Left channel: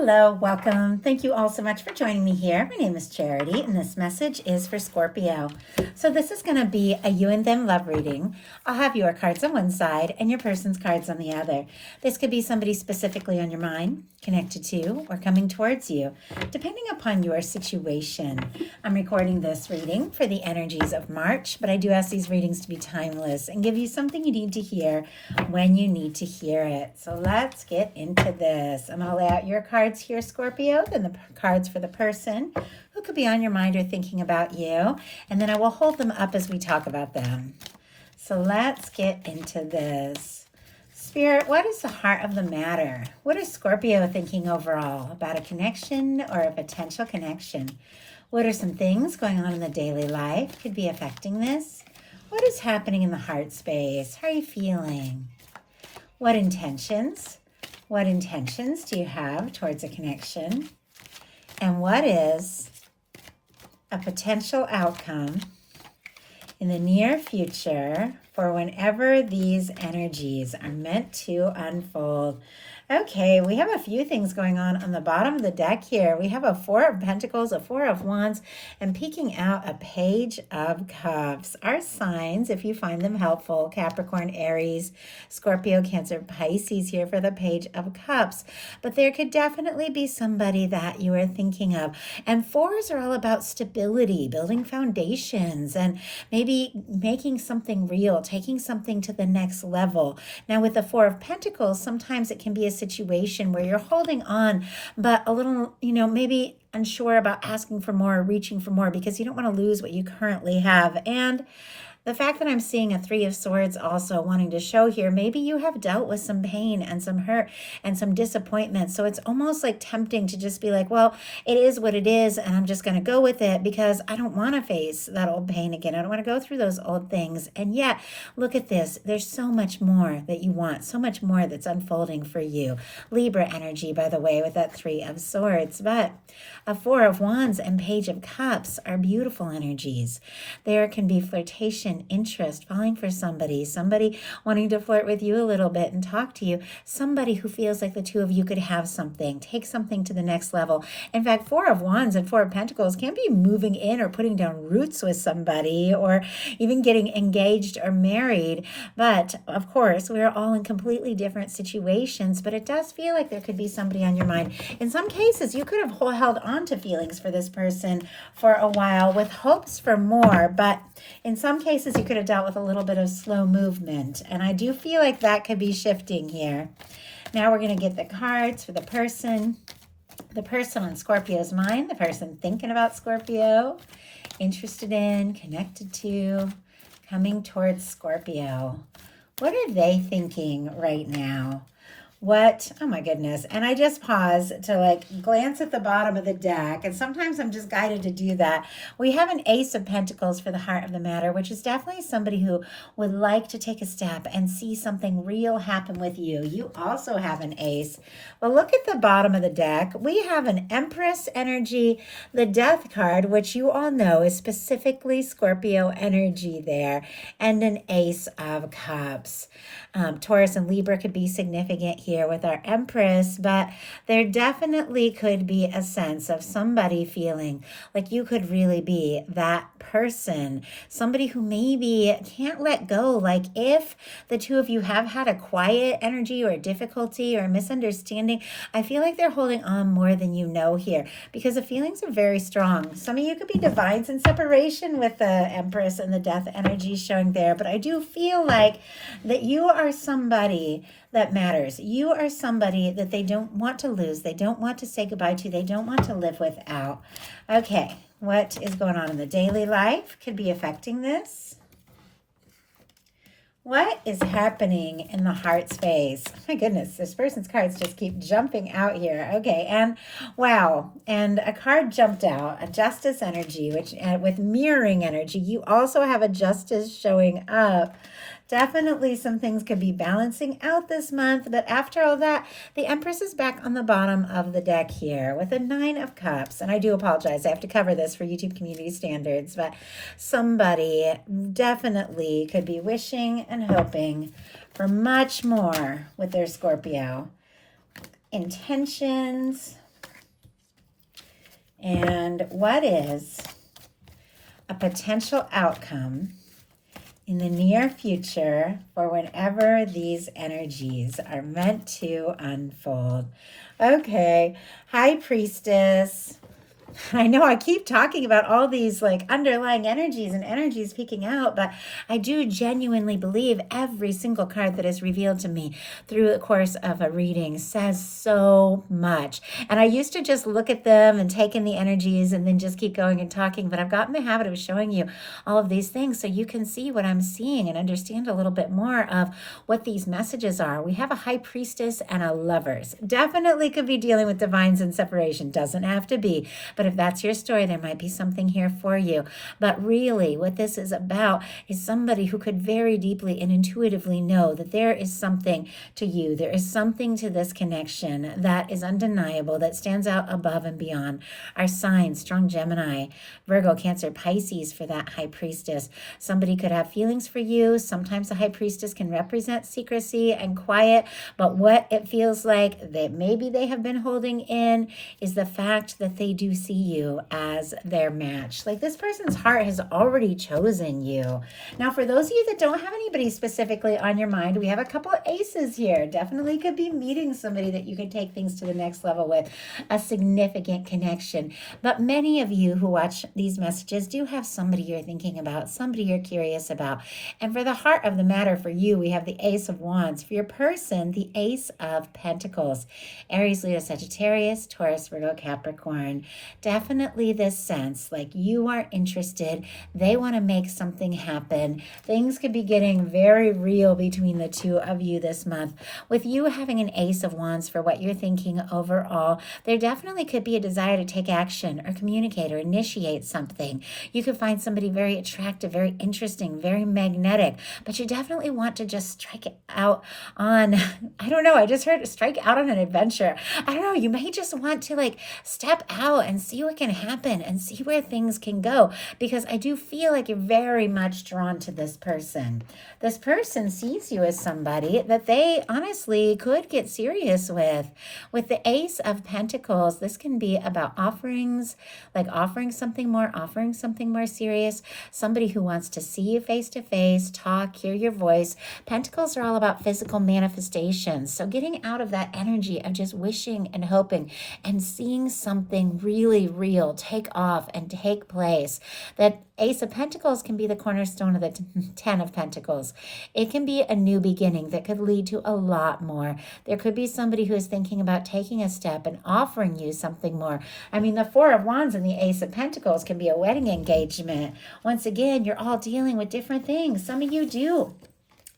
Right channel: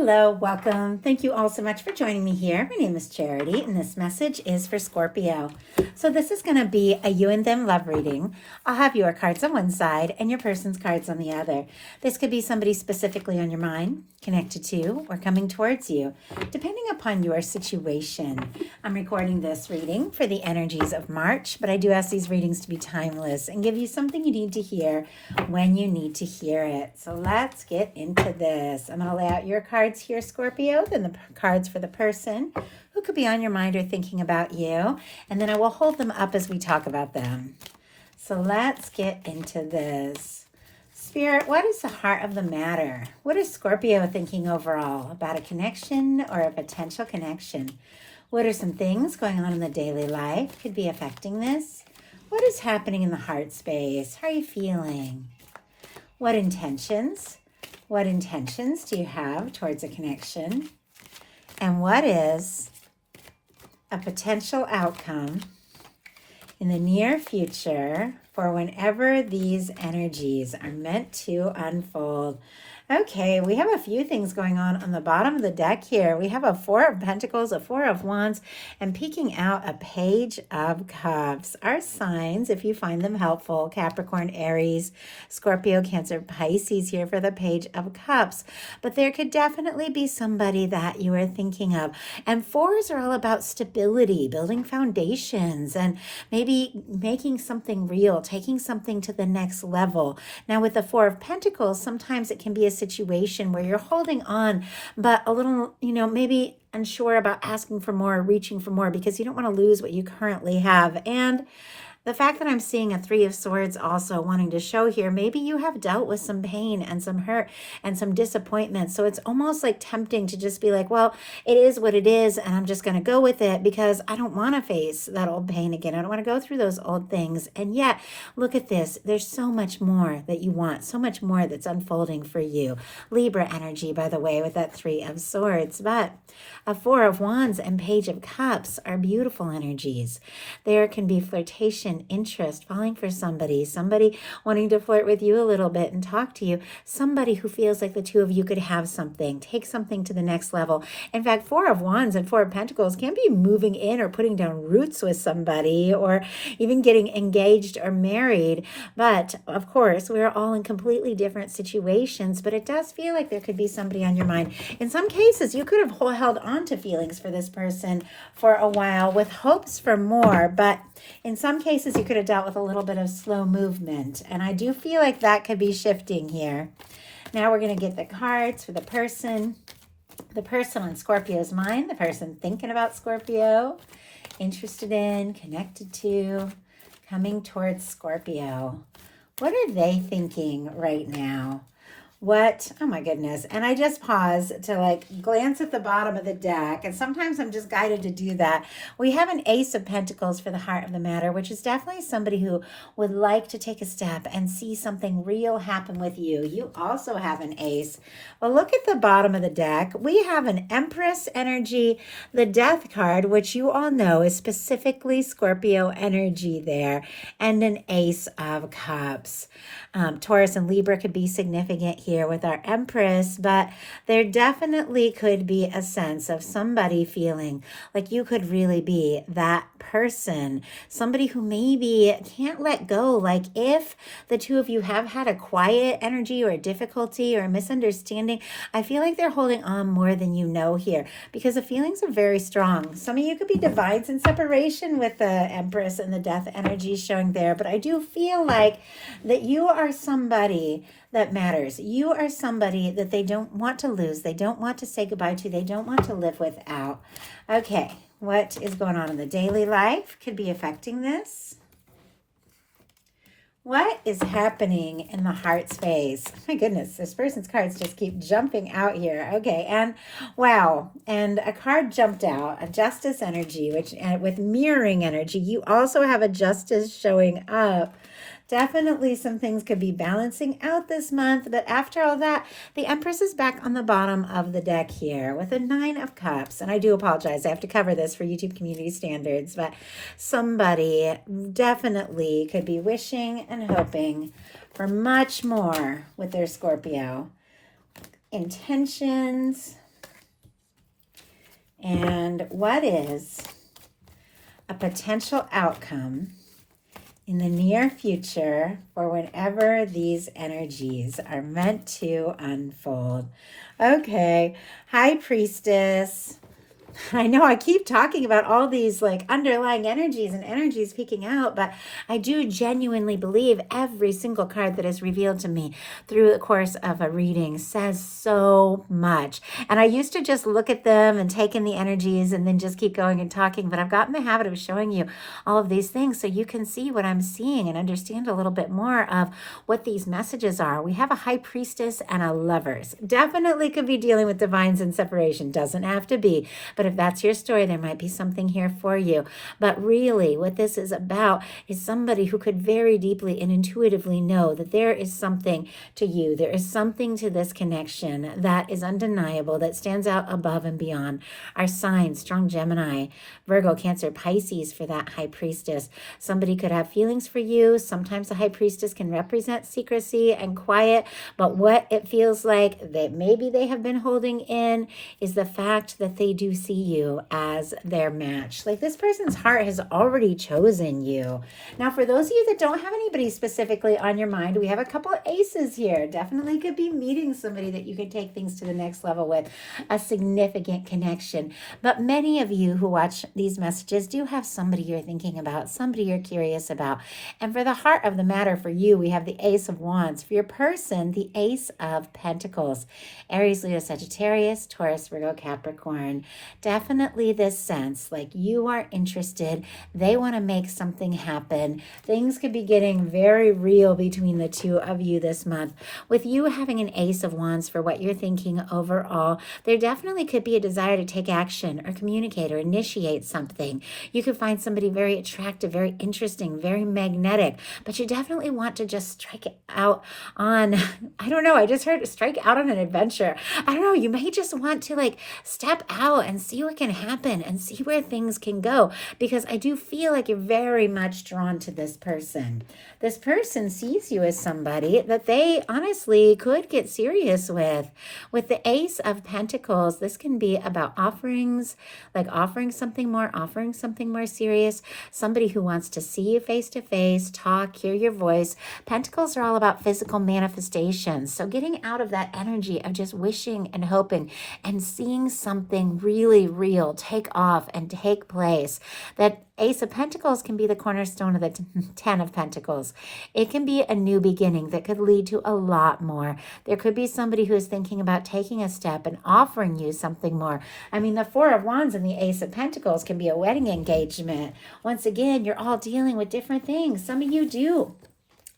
Hello, welcome. Thank you all so much for joining me here. My name is Charity, and this message is for Scorpio. So this is going to be a you and them love reading. I'll have your cards on one side and your person's cards on the other. This could be somebody specifically on your mind, connected to, or coming towards you, depending upon your situation. I'm recording this reading for the energies of March, but I do ask these readings to be timeless and give you something you need to hear when you need to hear it. So let's get into this. I'm going to lay out your cards here, Scorpio, then the cards for the person who could be on your mind or thinking about you, and then I will hold them up as we talk about them. So let's get into this. Spirit, what is the heart of the matter? What is Scorpio thinking overall about a connection or a potential connection? What are some things going on in the daily life could be affecting this? What is happening in the heart space? How are you feeling? What intentions do you have towards a connection? And what is a potential outcome in the near future for whenever these energies are meant to unfold? Okay, we have a few things going on the bottom of the deck here. We have a Four of Pentacles, a Four of Wands, and peeking out a Page of Cups. Our signs, if you find them helpful, Capricorn, Aries, Scorpio, Cancer, Pisces here for the Page of Cups. But there could definitely be somebody that you are thinking of. And fours are all about stability, building foundations, and maybe making something real, taking something to the next level. Now with the Four of Pentacles, sometimes it can be a situation where you're holding on, but a little, maybe unsure about asking for more, reaching for more, because you don't want to lose what you currently have. And the fact that I'm seeing a Three of Swords also wanting to show here, maybe you have dealt with some pain and some hurt and some disappointment. So it's almost like tempting to just be like, well, it is what it is, and I'm just going to go with it because I don't want to face that old pain again. I don't want to go through those old things. And yet, look at this. There's so much more that you want, so much more that's unfolding for you. Libra energy, by the way, with that Three of Swords. But a Four of Wands and Page of Cups are beautiful energies. There can be flirtation, interest, falling for somebody wanting to flirt with you a little bit and talk to you, somebody who feels like the two of you could have something, take something to the next level. In fact, Four of Wands and Four of Pentacles can be moving in or putting down roots with somebody or even getting engaged or married. But of course, we're all in completely different situations, but it does feel like there could be somebody on your mind. In some cases, you could have held on to feelings for this person for a while with hopes for more, but in some cases you could have dealt with a little bit of slow movement, and I do feel like that could be shifting here. Now we're going to get the cards for the person on Scorpio's mind, the person thinking about Scorpio, interested in, connected to, coming towards Scorpio. What are they thinking right now? Oh my goodness. And I just pause to glance at the bottom of the deck. And sometimes I'm just guided to do that. We have an Ace of Pentacles for the heart of the matter, which is definitely somebody who would like to take a step and see something real happen with you. You also have an Ace. Well, look at the bottom of the deck. We have an Empress energy, the Death card, which you all know is specifically Scorpio energy there, and an Ace of Cups. Taurus and Libra could be significant here with our Empress, but there definitely could be a sense of somebody feeling like you could really be that person, somebody who maybe can't let go. Like if the two of you have had a quiet energy or a difficulty or a misunderstanding, I feel like they're holding on more than you know here because the feelings are very strong. Some of you could be divides in separation with the Empress and the Death energy showing there, but I do feel like that you are somebody that matters. You are somebody that they don't want to lose. They don't want to say goodbye to. They don't want to live without. Okay, what is going on in the daily life could be affecting this? What is happening in the heart space? My goodness, this person's cards just keep jumping out here. Okay, and wow, and a card jumped out, a Justice energy, which with mirroring energy, you also have a Justice showing up. Definitely some things could be balancing out this month, but after all that, the Empress is back on the bottom of the deck here with a Nine of Cups. And I do apologize, I have to cover this for YouTube community standards, but somebody definitely could be wishing and hoping for much more with their Scorpio. Intentions, And what is a potential outcome in the near future for whenever these energies are meant to unfold? Okay, High Priestess. I know I keep talking about all these like underlying energies and energies peeking out, but I do genuinely believe every single card that is revealed to me through the course of a reading says so much. And I used to just look at them and take in the energies and then just keep going and talking, but I've gotten the habit of showing you all of these things so you can see what I'm seeing and understand a little bit more of what these messages are. We have a High Priestess and a Lovers. Definitely could be dealing with divines and separation. Doesn't have to be, but if that's your story, there might be something here for you. But really, what this is about is somebody who could very deeply and intuitively know that there is something to you. There is something to this connection that is undeniable, that stands out above and beyond our signs. Strong Gemini, Virgo, Cancer, Pisces for that High Priestess. Somebody could have feelings for you. Sometimes the High Priestess can represent secrecy and quiet, but what it feels like that maybe they have been holding in is the fact that they do see you as their match. Like this person's heart has already chosen you. Now, for those of you that don't have anybody specifically on your mind, we have a couple of aces here. Definitely could be meeting somebody that you could take things to the next level with, a significant connection. But many of you who watch these messages do have somebody you're thinking about, somebody you're curious about. And for the heart of the matter for you, we have the Ace of Wands. For your person, the Ace of Pentacles. Aries, Leo, Sagittarius, Taurus, Virgo, Capricorn. Definitely this sense like you are interested. They want to make something happen. Things could be getting very real between the two of you this month. With you having an Ace of Wands for what you're thinking overall, there definitely could be a desire to take action or communicate or initiate something. You could find somebody very attractive, very interesting, very magnetic, but you definitely want to just strike it out on, I don't know, I just heard strike out on an adventure. I don't know, you may just want to like step out and see what can happen and see where things can go, because I do feel like you're very much drawn to this person. This person sees you as somebody that they honestly could get serious with. With the Ace of Pentacles, this can be about offerings, like offering something more serious, somebody who wants to see you face to face, talk, hear your voice. Pentacles are all about physical manifestations. So getting out of that energy of just wishing and hoping and seeing something really real take off and take place. That Ace of Pentacles can be the cornerstone of the Ten of Pentacles. It can be a new beginning that could lead to a lot more. There could be somebody who is thinking about taking a step and offering you something more. I mean, the Four of Wands and the Ace of Pentacles can be a wedding engagement. Once again, you're all dealing with different things. Some of you do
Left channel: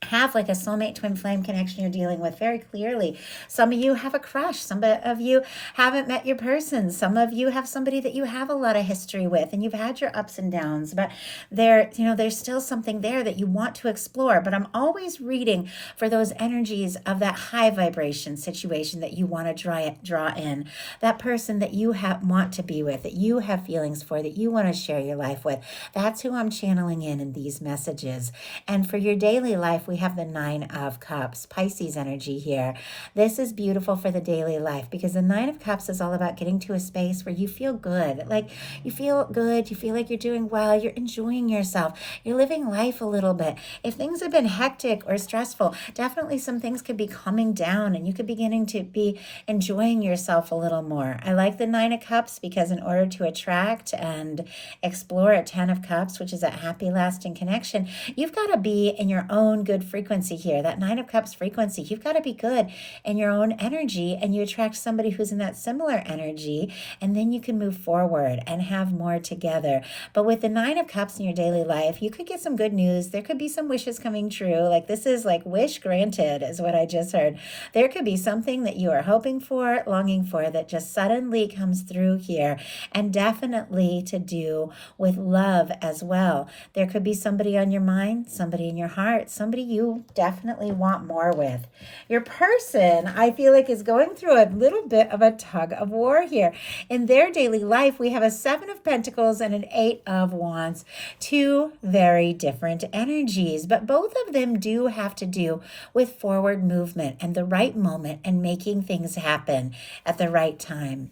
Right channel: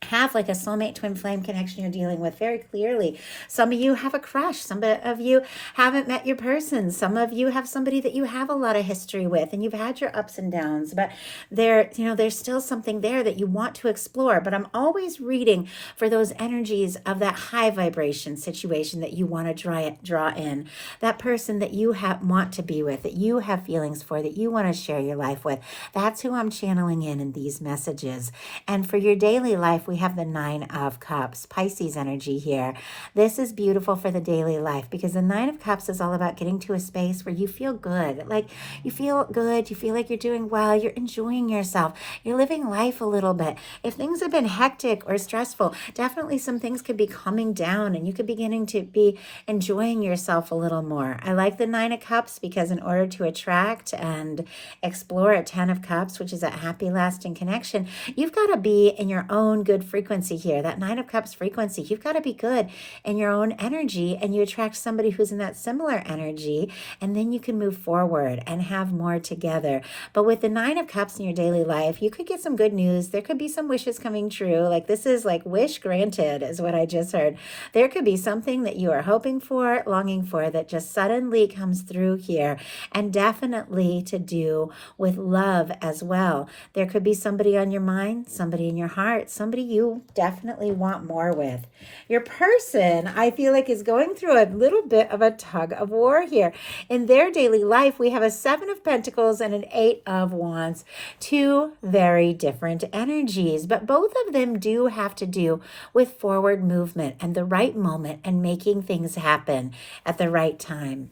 have like a soulmate twin flame connection you're dealing with very clearly. Some of you have a crush. Some of you haven't met your person. Some of you have somebody that you have a lot of history with and you've had your ups and downs, but there's still something there that you want to explore. But I'm always reading for those energies of that high vibration situation that you want to draw in, that person that you want to be with, that you have feelings for, that you want to share your life with. That's who I'm channeling in these messages. And for your daily life, we have the Nine of Cups, Pisces energy here. This is beautiful for the daily life because the Nine of Cups is all about getting to a space where you feel good. Like you feel good, you feel like you're doing well, you're enjoying yourself, you're living life a little bit. If things have been hectic or stressful, definitely some things could be calming down and you could be beginning to be enjoying yourself a little more. I like the Nine of Cups because in order to attract and explore a Ten of Cups, which is a happy, lasting connection, you've got to be in your own good frequency here. That Nine of Cups frequency, you've got to be good in your own energy and you attract somebody who's in that similar energy and then you can move forward and have more together. But with the Nine of Cups in your daily life, you could get some good news. There could be some wishes coming true. Like this is like wish granted is what I just heard. There could be something that you are hoping for, longing for that just suddenly comes through here, and definitely to do with love as well. There could be somebody on your mind, somebody in your heart, somebody you definitely want more with. Your person, I feel like, is going through a little bit of a tug of war here. In their daily life, we have a Seven of Pentacles and an Eight of Wands. Two very different energies, but both of them do have to do with forward movement and the right moment and making things happen at the right time.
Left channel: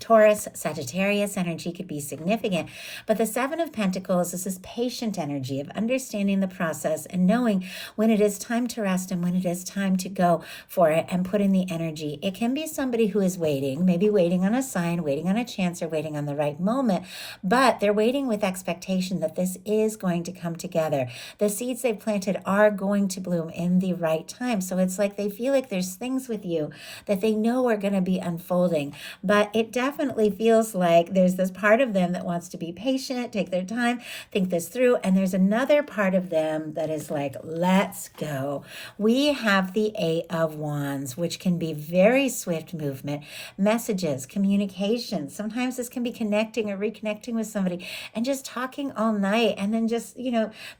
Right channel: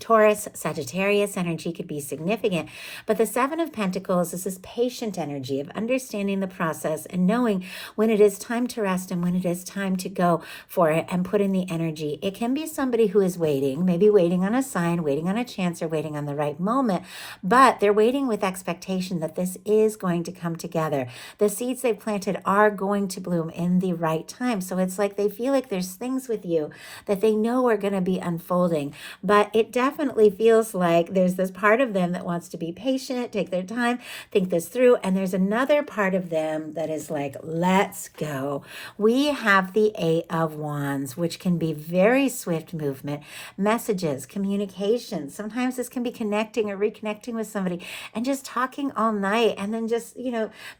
Taurus, Sagittarius energy could be significant, but the Seven of Pentacles is this patient energy of understanding the process and knowing when it is time to rest and when it is time to go for it and put in the energy. It can be somebody who is waiting, maybe waiting on a sign, waiting on a chance, or waiting on the right moment, but they're waiting with expectation that this is going to come together. The seeds they've planted are going to bloom in the right time. So it's like they feel like there's things with you that they know are going to be unfolding, but it definitely feels like there's this part of them that wants to be patient, take their time, think this through, and there's another part of them that is like, let's go. We have the Eight of Wands, which can be very swift movement, messages, communication. Sometimes this can be connecting or reconnecting with somebody and just talking all night, and then just,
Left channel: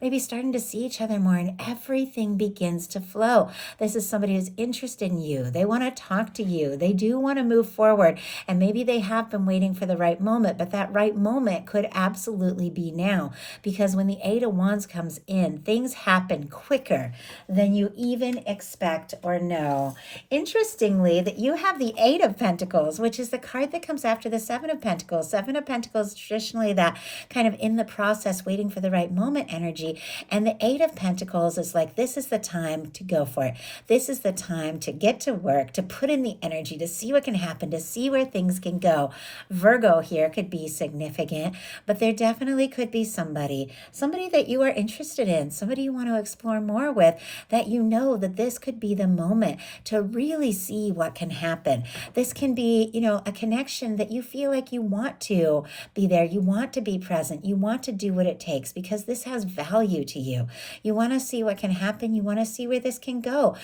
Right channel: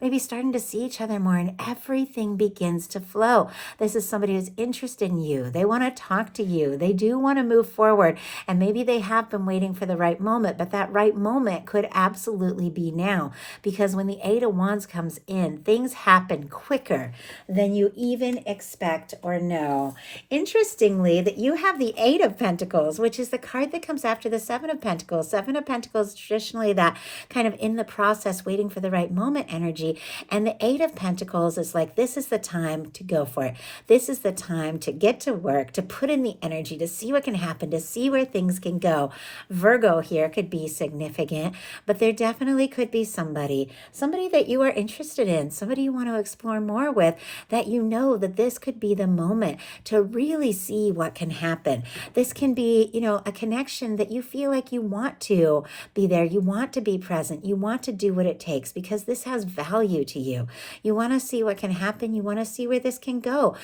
maybe starting to see each other more, and everything begins to flow. This is somebody who's interested in you. They want to talk to you. They do want to move forward, and maybe they have been waiting for the right moment, but that right moment could absolutely be now, because when the Eight of Wands comes in, things happen quicker than you even expect or know. Interestingly, that you have the Eight of Pentacles, which is the card that comes after the Seven of Pentacles. Seven of Pentacles, traditionally that kind of in the process, waiting for the right moment energy, and the Eight of Pentacles is like, this is the time to go for it. This is the time to get to work, to put in the energy, to see what can happen, to see where things can go. Virgo here could be significant, but there definitely could be somebody that you are interested in, somebody you want to explore more with, that you know that this could be the moment to really see what can happen. This can be, a connection that you feel like you want to be there, you want to be present, you want to do what it takes, because this has value to you. You want to see what can happen, you want to see where this can go.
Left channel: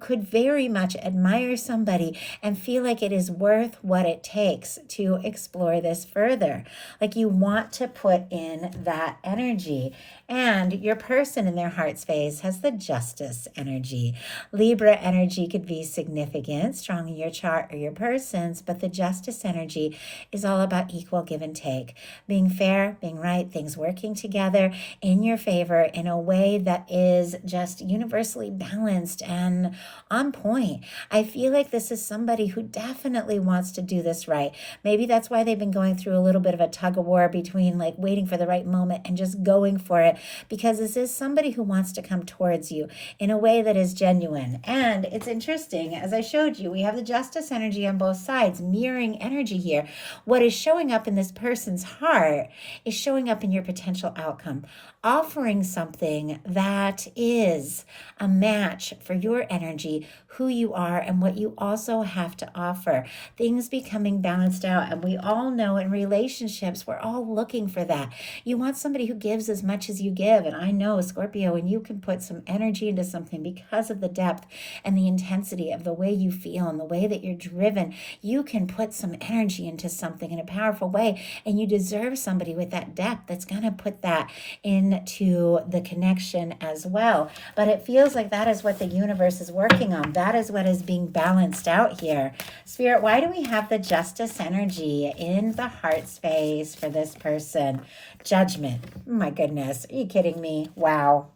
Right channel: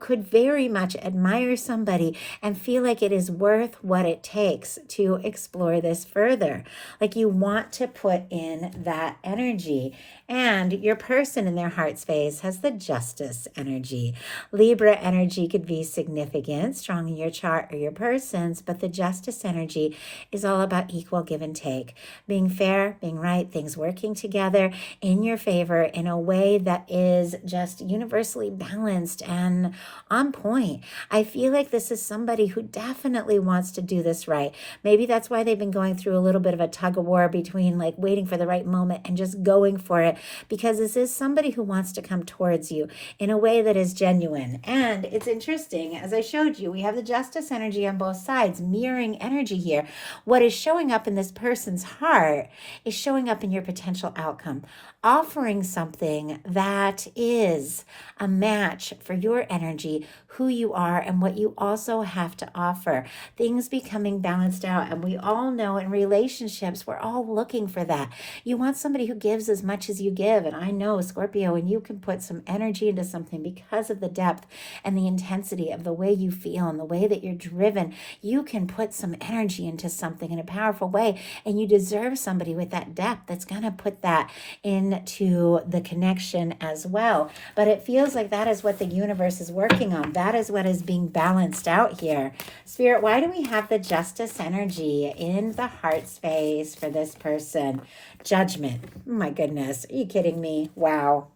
Could very much admire somebody and feel like it is worth what it takes to explore this further. Like you want to put in that energy. And your person in their heart space has the Justice energy. Libra energy could be significant, strong in your chart or your person's, but the Justice energy is all about equal give and take, being fair, being right, things working together in your favor in a way that is just universally balanced and on point. I feel like this is somebody who definitely wants to do this right. Maybe that's why they've been going through a little bit of a tug of war between like waiting for the right moment and just going for it, because this is somebody who wants to come towards you in a way that is genuine. And it's interesting, as I showed you, we have the Justice energy on both sides, mirroring energy here. What is showing up in this person's heart is showing up in your potential outcome, offering something that is a match for your energy, who you are, and what you also have to offer. Things becoming balanced out. And we all know in relationships, we're all looking for that. You want somebody who gives as much as you give. And I know, Scorpio, when you can put some energy into something because of the depth and the intensity of the way you feel and the way that you're driven, you can put some energy into something in a powerful way. And you deserve somebody with that depth that's going to put that into the connection as well. But it feels like that is what the universe is working on. That is what is being balanced out here. Spirit, why do we have the Justice energy in the heart space for this person? Judgment. Oh my goodness. Are you kidding me? Wow.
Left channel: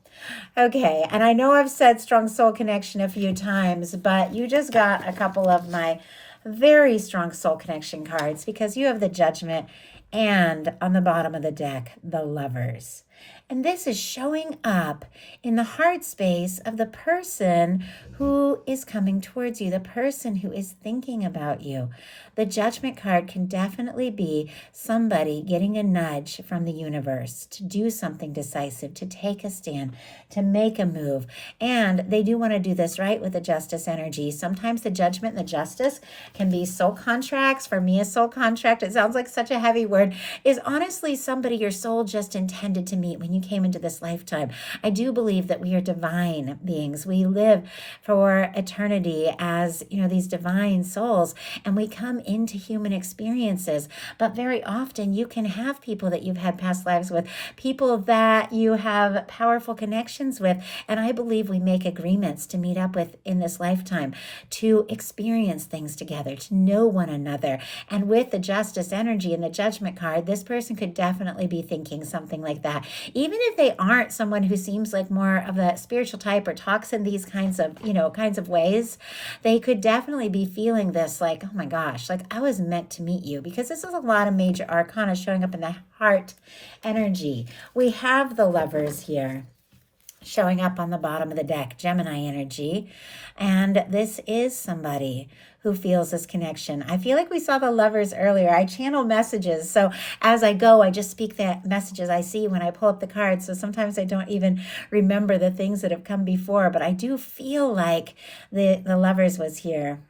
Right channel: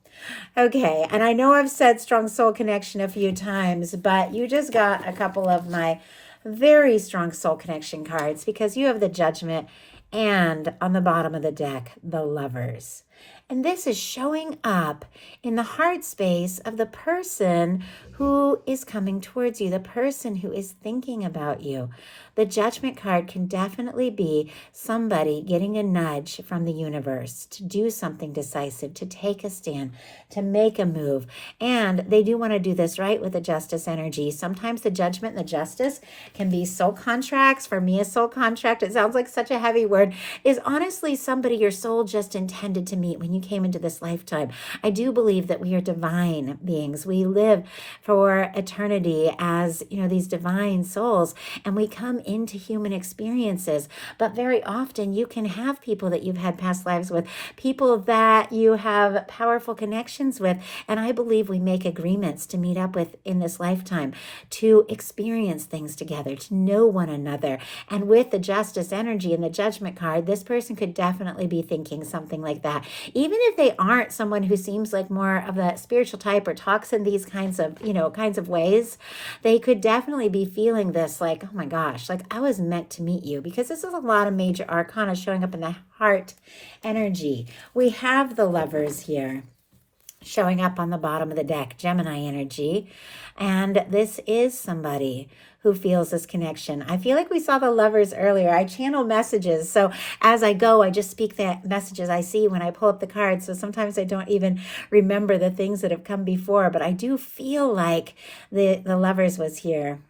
Okay, and I know I've said strong soul connection a few times, but you just got a couple of my very strong soul connection cards, because you have the Judgment and on the bottom of the deck, the Lovers. And this is showing up in the heart space of the person who is coming towards you, the person who is thinking about you. The Judgment card can definitely be somebody getting a nudge from the universe to do something decisive, to take a stand, to make a move. And they do want to do this right with the Justice energy. Sometimes the Judgment and the Justice can be soul contracts. For me, a soul contract, it sounds like such a heavy word, is honestly somebody your soul just intended to meet when you came into this lifetime. I do believe that we are divine beings. We live for eternity as, these divine souls, and we come into human experiences. But very often you can have people that you've had past lives with, people that you have powerful connections with, and I believe we make agreements to meet up with in this lifetime, to experience things together, to know one another. And with the Justice energy and the Judgment card, this person could definitely be thinking something like that. Even if they aren't someone who seems like more of the spiritual type or talks in these kinds of ways, they could definitely be feeling this like, oh my gosh, cards, I was meant to meet you, because this is a lot of major arcana showing up in the heart energy. We have the Lovers here showing up on the bottom of the deck, Gemini energy. And this is somebody who feels this connection. I feel like we saw the Lovers earlier. I channel messages. So as I go, I just speak the messages I see when I pull up the cards. So sometimes I don't even remember the things that have come before, but I do feel like the Lovers was here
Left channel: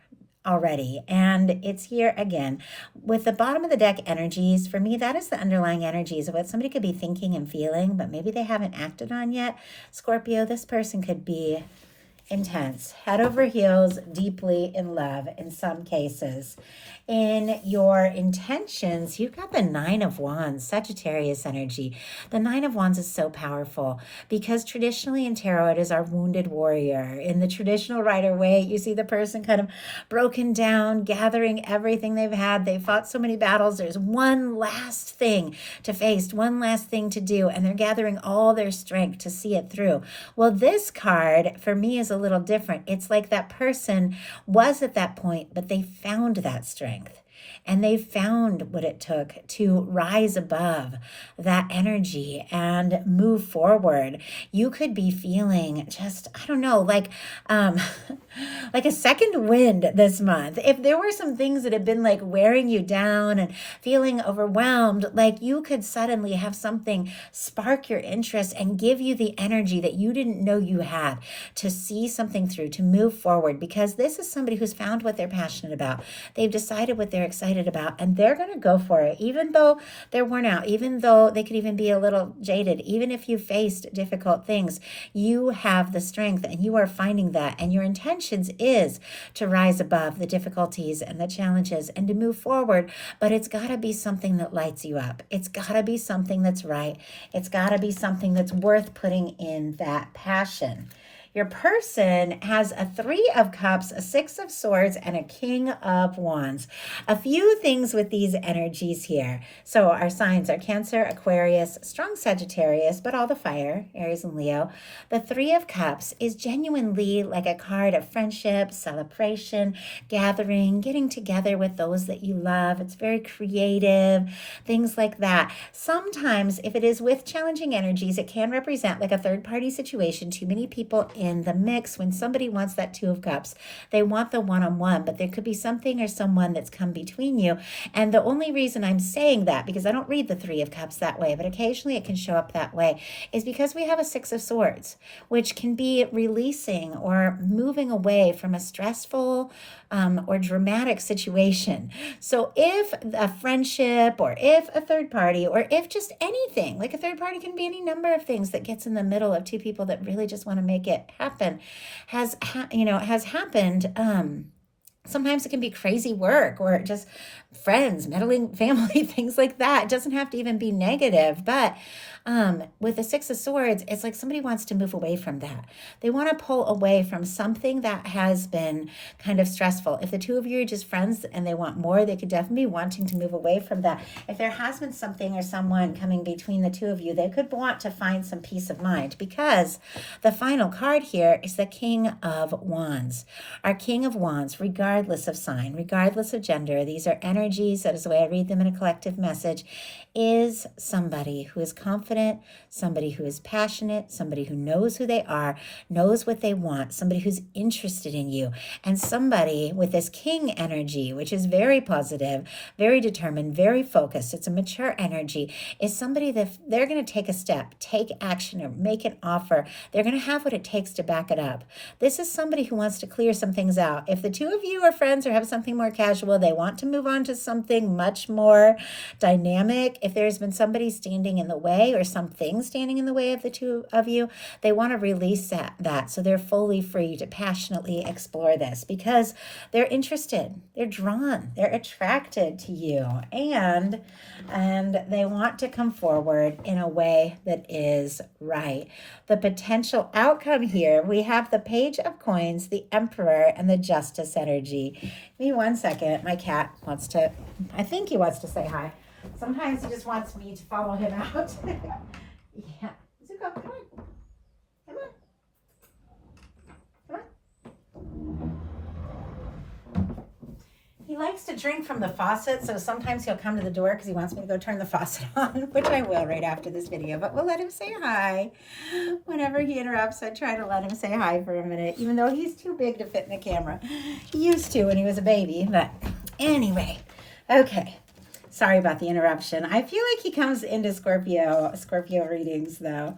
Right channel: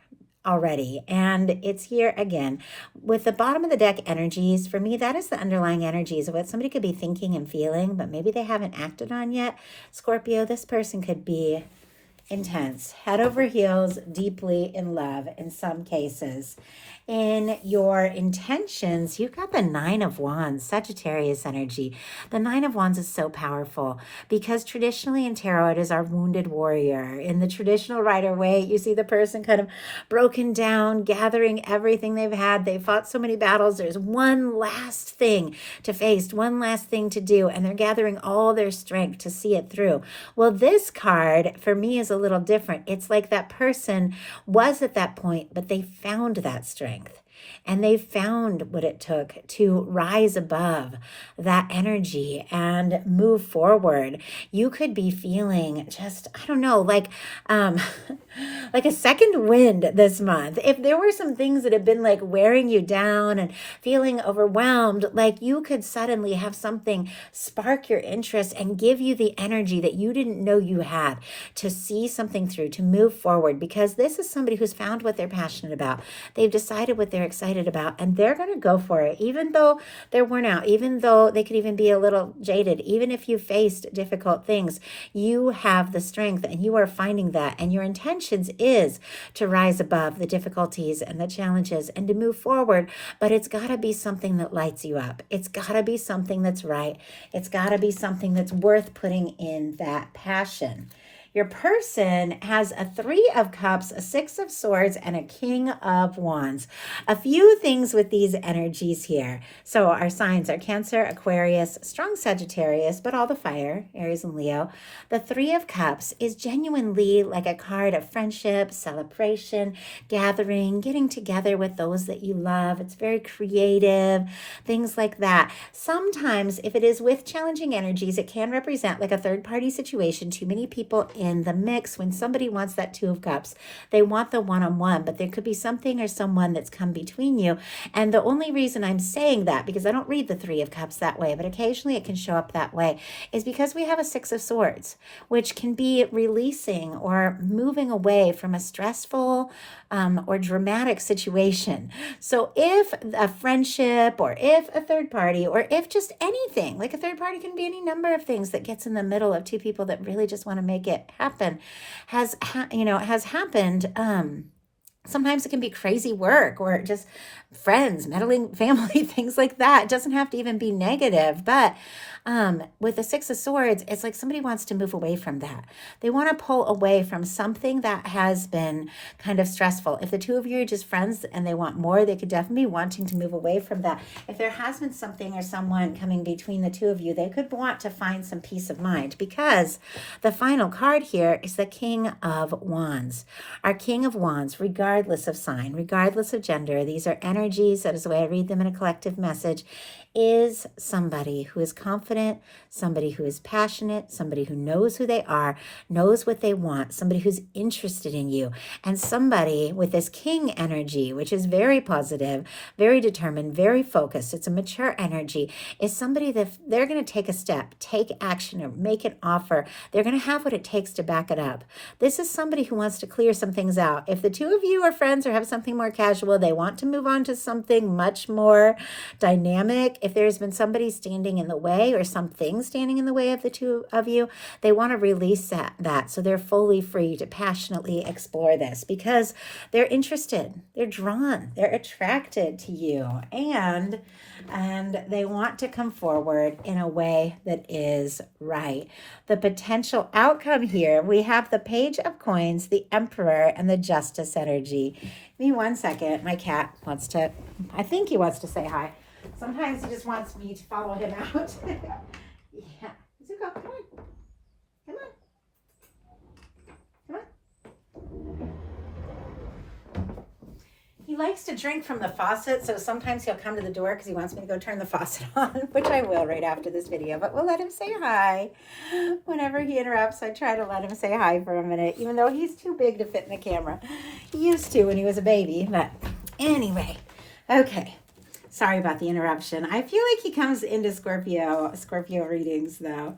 already, and it's here again with the bottom of the deck energies. For me, that is the underlying energies of what somebody could be thinking and feeling, but maybe they haven't acted on yet. Scorpio, this person could be intense, head over heels, deeply in love in some cases. In your intentions, you've got the Nine of Wands, Sagittarius energy. The Nine of Wands is so powerful because traditionally in tarot, it is our wounded warrior. In the traditional Rider-Waite, you see the person kind of broken down, gathering everything they've had. They fought so many battles. There's one last thing to face, one last thing to do, and they're gathering all their strength to see it through. Well, this card for me is a little different. It's like that person was at that point, but they found that strength. And they found what it took to rise above that energy and move forward. You could be feeling just, I don't know, like like a second wind this month. If there were some things that have been like wearing you down and feeling overwhelmed, like you could suddenly have something spark your interest and give you the energy that you didn't know you had to see something through, to move forward, because this is somebody who's found what they're passionate about. They've decided what they're excited about, and they're going to go for it, even though they're worn out, even though they could even be a little jaded, even if you faced difficult things. You have the strength, and you are finding that, and your intentions is to rise above the difficulties and the challenges and to move forward. But it's got to be something that lights you up. It's got to be something that's right. It's got to be something that's worth putting in that passion. Your person has a Three of Cups, a Six of Swords, and a King of Wands. A few things with these energies here. So our signs are Cancer, Aquarius, strong Sagittarius, but all the fire, Aries and Leo. The Three of Cups is genuinely like a card of friendship, celebration, gathering, getting together with those that you love. It's very creative, things like that. Sometimes, if it is with challenging energies, it can represent like a third-party situation, too many people in the mix. When somebody wants that Two of Cups, they want the one-on-one, but there could be something or someone that's come between you. And the only reason I'm saying that, because I don't read the Three of Cups that way, but occasionally it can show up that way, is because we have a Six of Swords, which can be releasing or moving away from a stressful or dramatic situation. So if a friendship, or if a third party, or if just anything, like a third party can be any number of things that gets in the middle of two people that really just want to make it happen, has happened. Sometimes it can be crazy work or just friends, meddling family, things like that. It doesn't have to even be negative, but with the Six of Swords, it's like somebody wants to move away from that. They want to pull away from something that has been kind of stressful. If the two of you are just friends and they want more, they could definitely be wanting to move away from that. If there has been something or someone coming between the two of you, they could want to find some peace of mind, because the final card here is the King of Wands. Our King of Wands, regardless of sign, regardless of gender, these are energies, that is the way I read them in a collective message, is somebody who is confident, somebody who is passionate, somebody who knows who they are, knows what they want, somebody who's interested in you, and somebody with this King energy, which is very positive, very determined, very focused. It's a mature energy, is somebody that they're going to take a step, take action, or make an offer. They're going to have what it takes to back it up. This is somebody who wants to clear some things out. If the two of you are friends or have something more casual, they want to move on to something much more dynamic. If there's been somebody standing in the way or something standing in the way of the two of you, they want to release that so they're fully free to passionately explore this, because they're interested, they're drawn, they're attracted to you, and they want to come forward in a way that is right. The potential outcome here, we have the Page of Coins, the Emperor, and the Justice energy. Give me 1 second. My cat wants to, I think he wants to say hi. Sometimes he just wants me to follow him out. Yeah. Zuko, come on. Come on. Come on. He likes to drink from the faucet, so sometimes he'll come to the door because he wants me to go turn the faucet on, which I will right after this video, but we'll let him say hi. Whenever he interrupts, I try to let him say hi for a minute, even though he's too big to fit in the camera. He used to when he was a baby, but anyway, okay. Sorry about the interruption. I feel like he comes into Scorpio readings, though.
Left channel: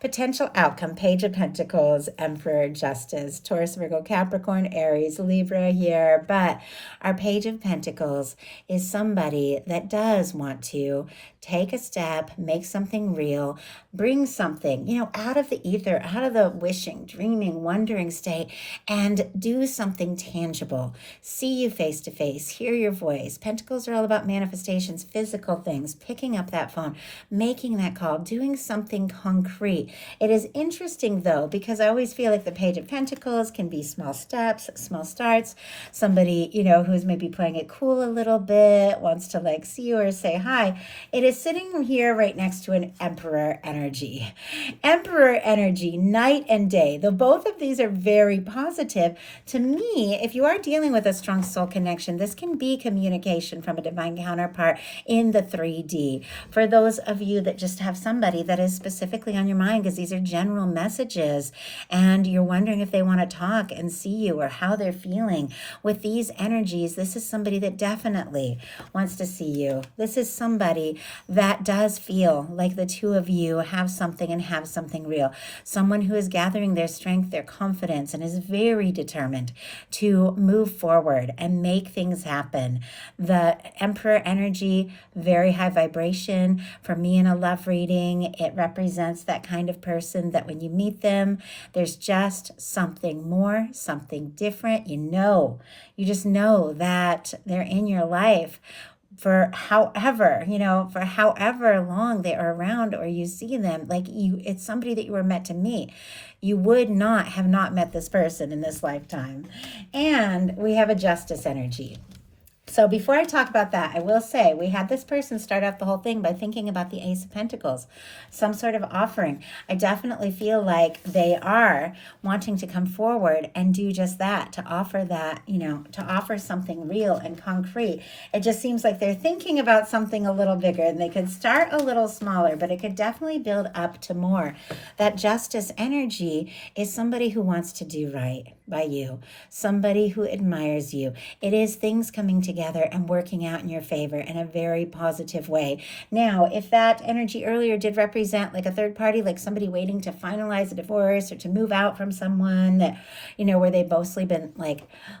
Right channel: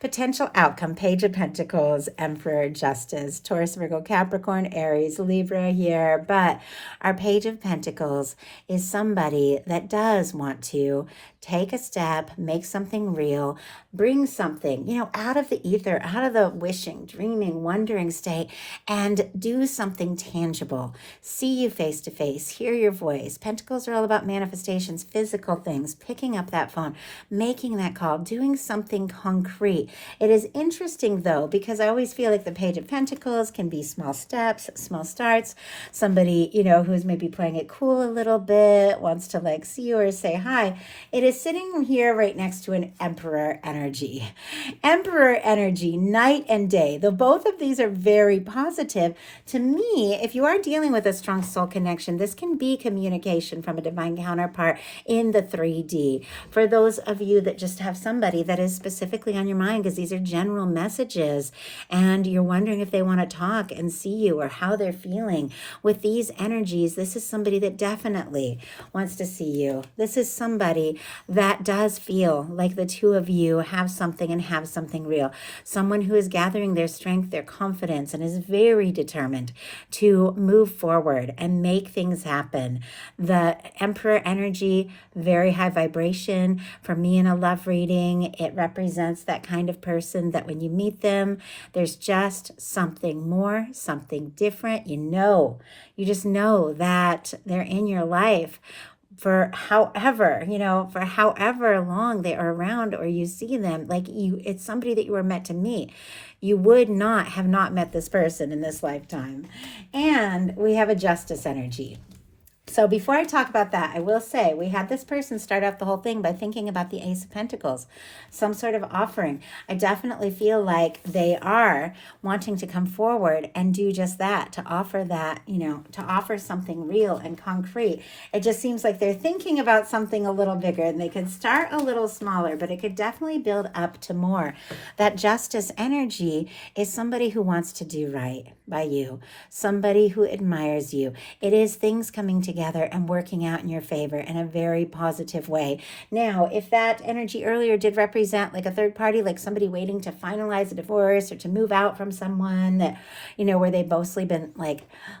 Potential outcome, Page of Pentacles, Emperor, Justice, Taurus, Virgo, Capricorn, Aries, Libra here. But our Page of Pentacles is somebody that does want to take a step, make something real, bring something, out of the ether, out of the wishing, dreaming, wondering state, and do something tangible. See you face to face, hear your voice. Pentacles are all about manifestations, physical things, picking up that phone, making that call, doing something concrete. It is interesting, though, because I always feel like the Page of Pentacles can be small steps, small starts. Somebody, who's maybe playing it cool a little bit, wants to see you or say hi. It is sitting here right next to an Emperor energy. Emperor energy, night and day. Though both of these are very positive, to me, if you are dealing with a strong soul connection, this can be communication from a divine counterpart in the 3D. For those of you that just have somebody that is specifically on your mind, because these are general messages, and you're wondering if they want to talk and see you or how they're feeling with these energies, this is somebody that definitely wants to see you. This is somebody that does feel like the two of you have something and have something real. Someone who is gathering their strength, their confidence, and is very determined to move forward and make things happen. The Emperor energy, very high vibration. For me in a love reading, it represents that kind of person that when you meet them, there's just something more, something different. You just know that they're in your life for however long they are around, or you see them, it's somebody that you were meant to meet. You would not have not met this person in this lifetime. And we have a Justice energy. So before I talk about that, I will say we had this person start off the whole thing by thinking about the Ace of Pentacles, some sort of offering. I definitely feel like they are wanting to come forward and do just that, to offer that, to offer something real and concrete. It just seems like they're thinking about something a little bigger, and they could start a little smaller, but it could definitely build up to more. That Justice energy is somebody who wants to do right by you, somebody who admires you. It is things coming together and working out in your favor in a very positive way. Now, if that energy earlier did represent a third party, like somebody waiting to finalize a divorce or to move out from someone that, where they've mostly been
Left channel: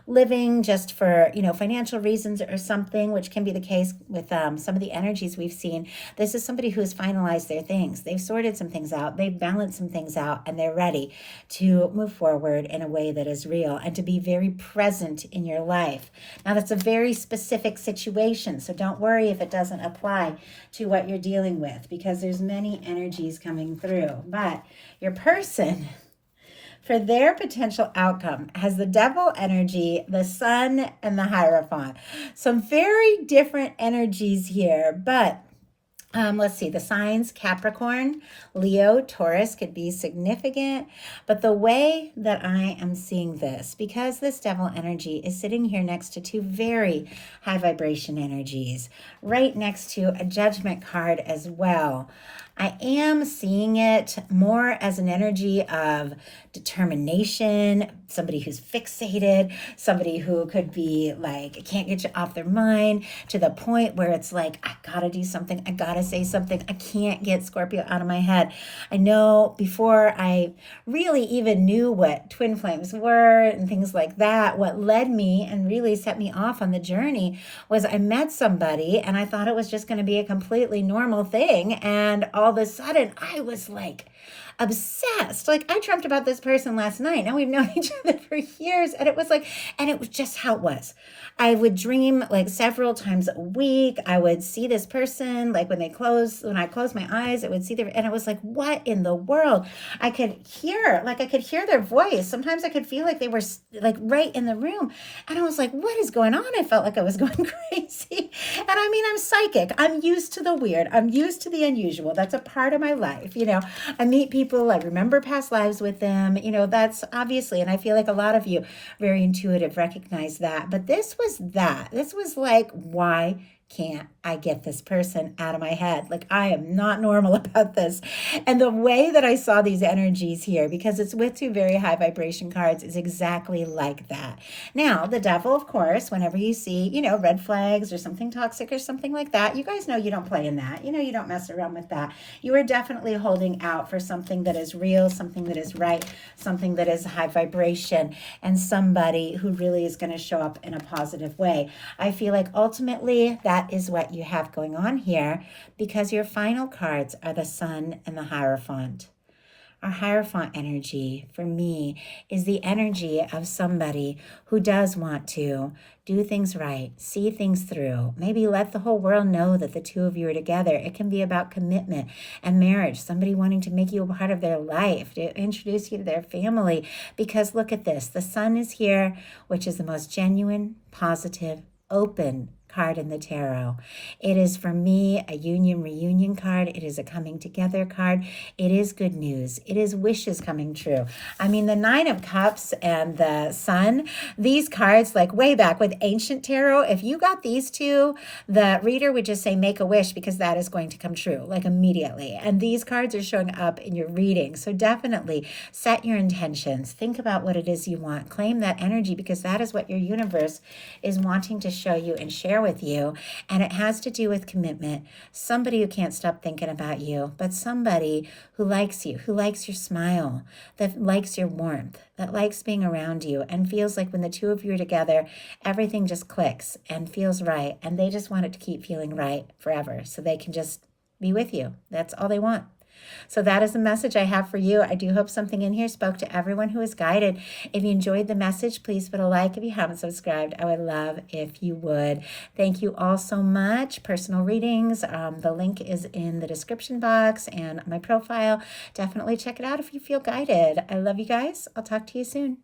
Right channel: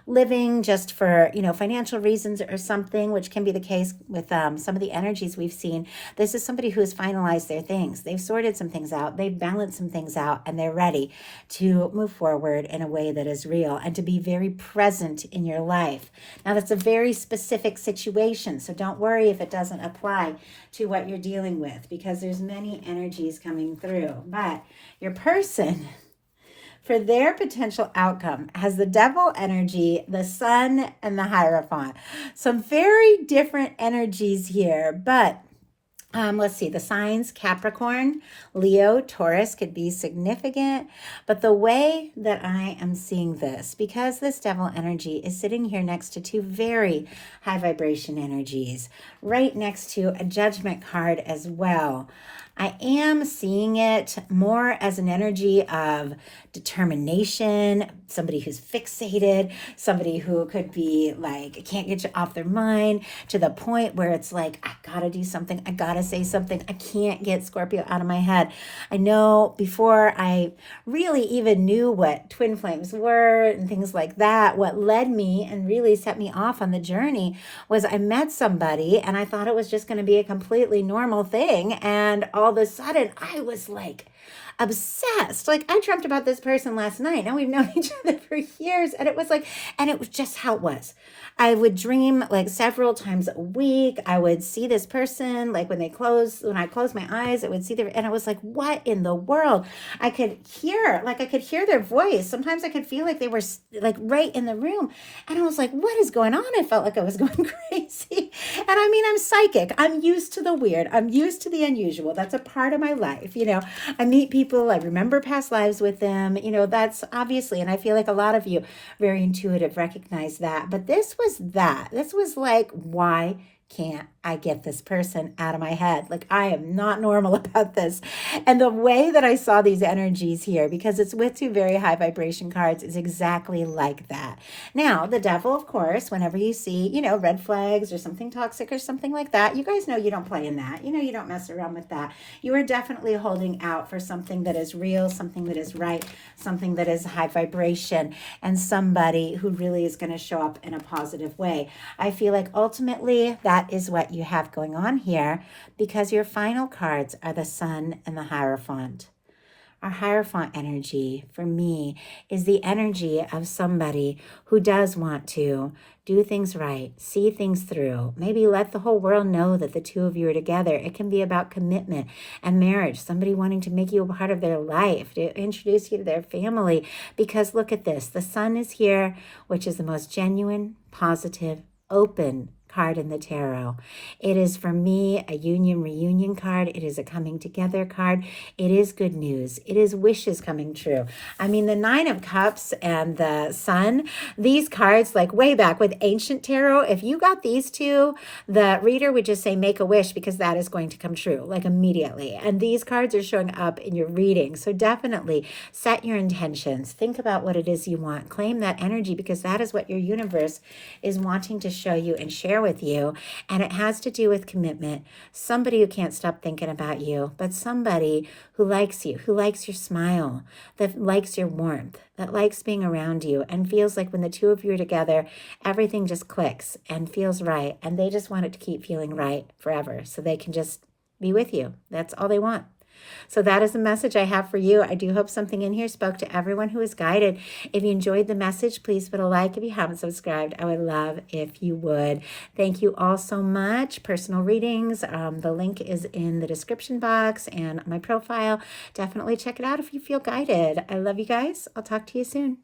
living just for, financial reasons or something, which can be the case with some of the energies we've seen. This is somebody who has finalized their things. They've sorted some things out. They've balanced some things out, and they're ready to move forward in a way that is real and to be very present in your life. Now, that's a very specific situation, so don't worry if it doesn't apply to what you're dealing with, because there's many energies coming through. But your person, for their potential outcome, has the Devil energy, the Sun, and the Hierophant. Some very different energies here, but let's see, the signs, Capricorn, Leo, Taurus could be significant. But the way that I am seeing this, because this Devil energy is sitting here next to two very high vibration energies, right next to a Judgment card as well, I am seeing it more as an energy of determination, somebody who's fixated, somebody who could be can't get you off their mind, to the point where it's I gotta do something, I gotta say something, I can't get Scorpio out of my head. I know before I really even knew what twin flames were and things like that, what led me and really set me off on the journey was I met somebody and I thought it was just going to be a completely normal thing, and all of a sudden I was obsessed. I dreamt about this person last night. Now we've known each other for years, and it was just how it was. I would dream several times a week. I would see this person when I closed my eyes, I would see and I was what in the world? I could hear their voice. Sometimes I could feel they were right in the room, and I was what is going on? I felt like I was going crazy, and I mean, I'm psychic. I'm used to the weird. I'm used to the unusual. That's a part of my life. I meet people, I remember past lives with them. That's obviously, and I feel like a lot of you, very intuitive, recognize that. But this was that. This was like, why can't I get this person out of my head? Like, I am not normal about this. And the way that I saw these energies here, because it's with two very high vibration cards, is exactly like that. Now, the devil, of course, whenever you see, red flags or something toxic or something like that, you guys know you don't play in that. You don't mess around with that. You are definitely holding out for something that is real, something that is right, something that is high vibration, and somebody who really is going to show up in a positive way. I feel like ultimately that is what you have going on here, because your final cards are the Sun and the Hierophant. Our Hierophant energy, for me, is the energy of somebody who does want to do things right, see things through, maybe let the whole world know that the two of you are together. It can be about commitment and marriage, somebody wanting to make you a part of their life, to introduce you to their family. Because look at this, the Sun is here, which is the most genuine, positive, open card in the tarot. It is, for me, a union reunion card. It is a coming together card. It is good news. It is wishes coming true. I mean, the Nine of Cups and the Sun, these cards, like way back with ancient tarot, if you got these two, the reader would just say make a wish, because that is going to come true, like immediately. And these cards are showing up in your reading. So definitely set your intentions. Think about what it is you want. Claim that energy, because that is what your universe is wanting to show you and share with you. And it has to do with commitment. Somebody who can't stop thinking about you, but somebody who likes you, who likes your smile, that likes your warmth, that likes being around you, and feels like when the two of you are together, everything just clicks and feels right. And they just want it to keep feeling right forever, so they can just be with you. That's all they want. So that is the message I have for you. I do hope something in here spoke to everyone who is guided. If you enjoyed the message, please put a like. If you haven't subscribed, I would love if you would. Thank you all so much. Personal readings, the link is in the description box and my profile. Definitely check it out if you feel guided. I love you guys. I'll talk to you soon.